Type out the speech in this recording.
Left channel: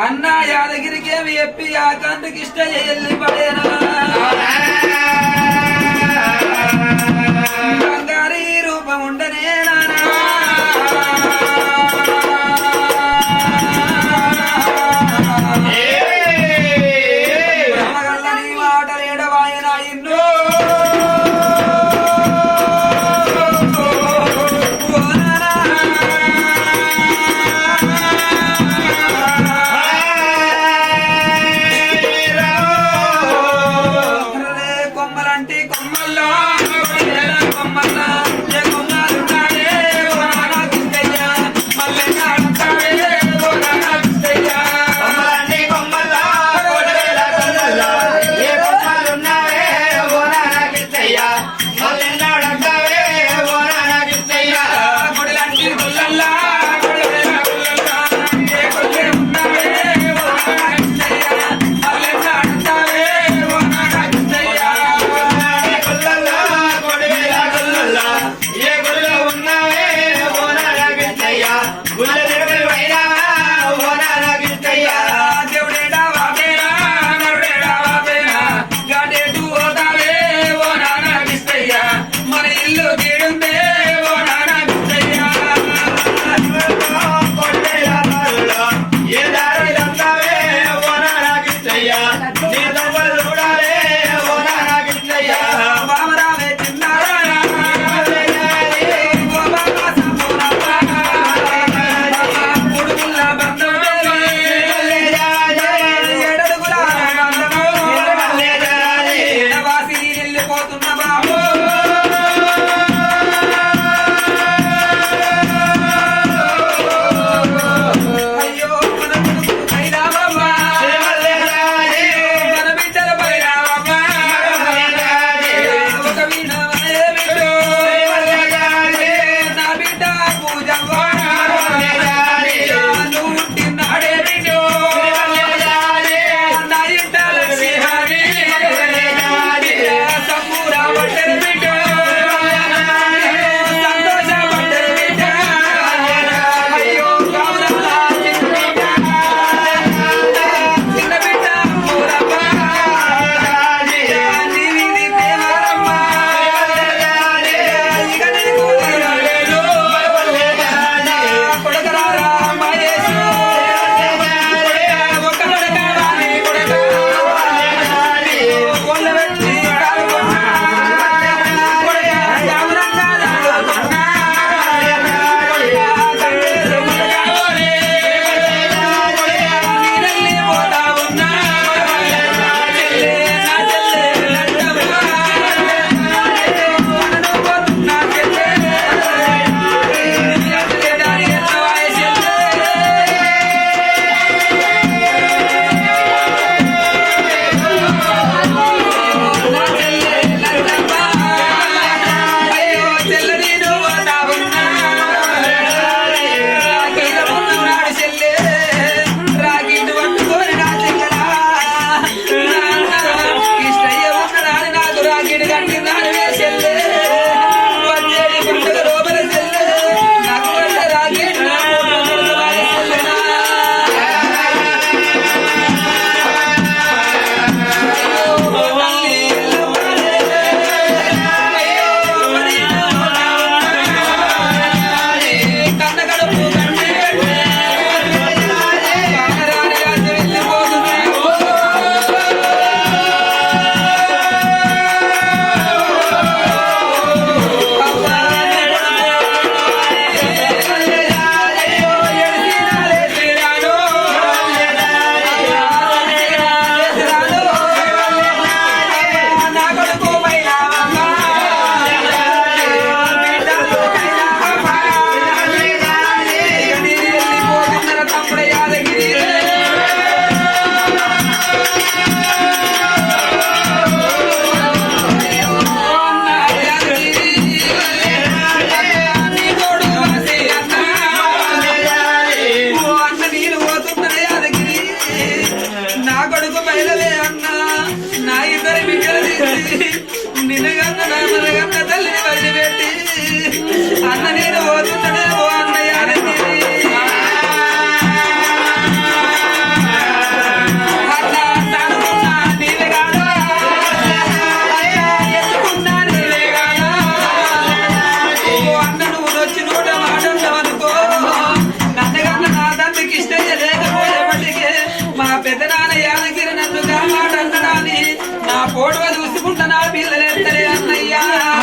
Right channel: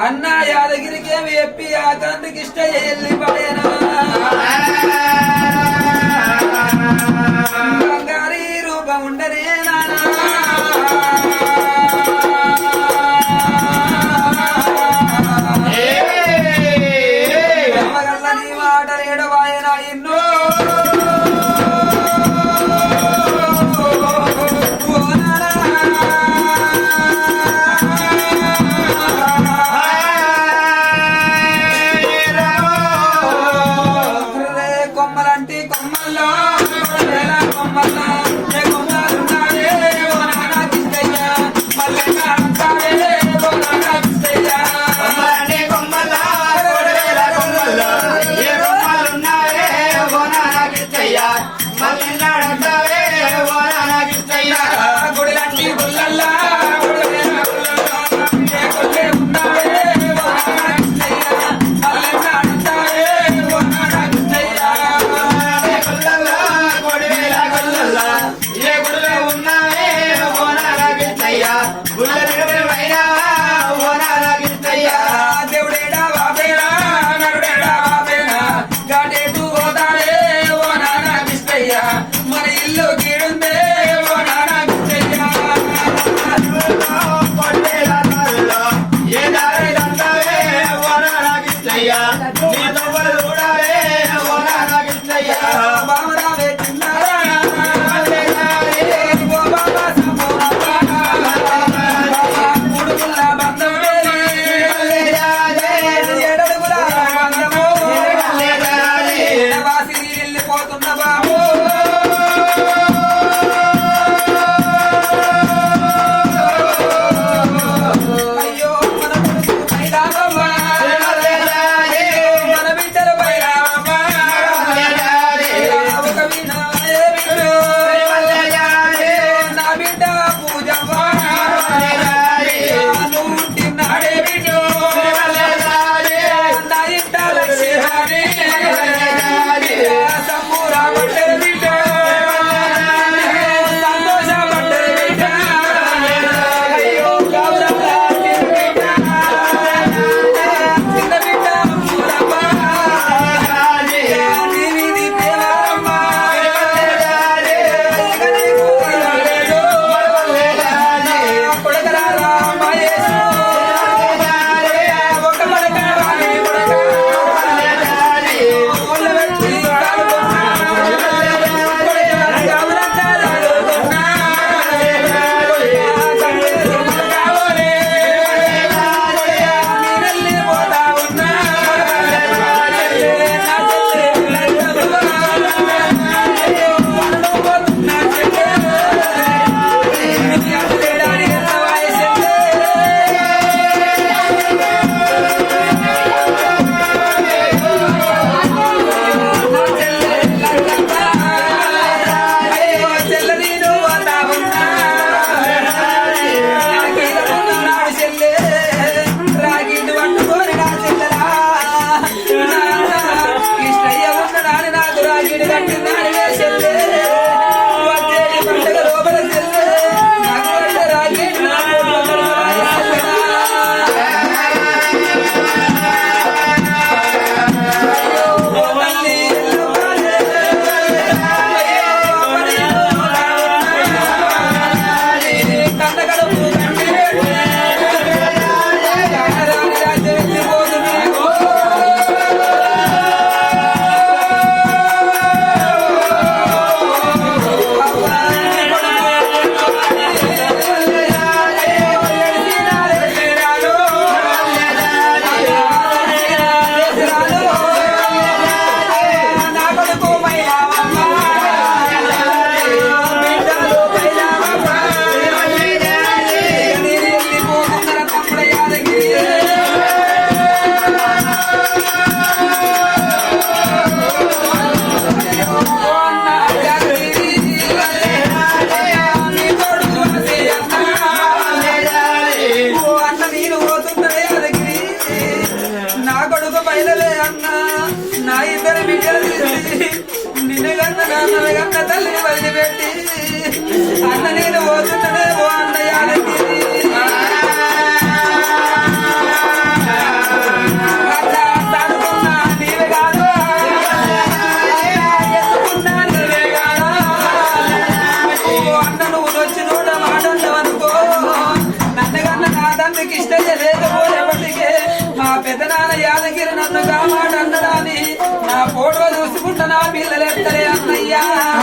అన్న యాదగిరికి ఏమి చెప్పి ఆ కందుకి ఇష్ట చేయాలి బంగారీ రూపం ఉండనే నీ మాట నేడవాయన ఇన్నో? నాన్న తల్లి వదిలిపెట్టి అన్న నేను పోతున్నాడే ఓ అన్నయ్యాలకి పెద్ద నాన్న యాదగిరి నన్ను కాపాడన్నడాని నా ఫోటో చూసుకుంటా నా పిల్లలు ఎత్తలే Yeah.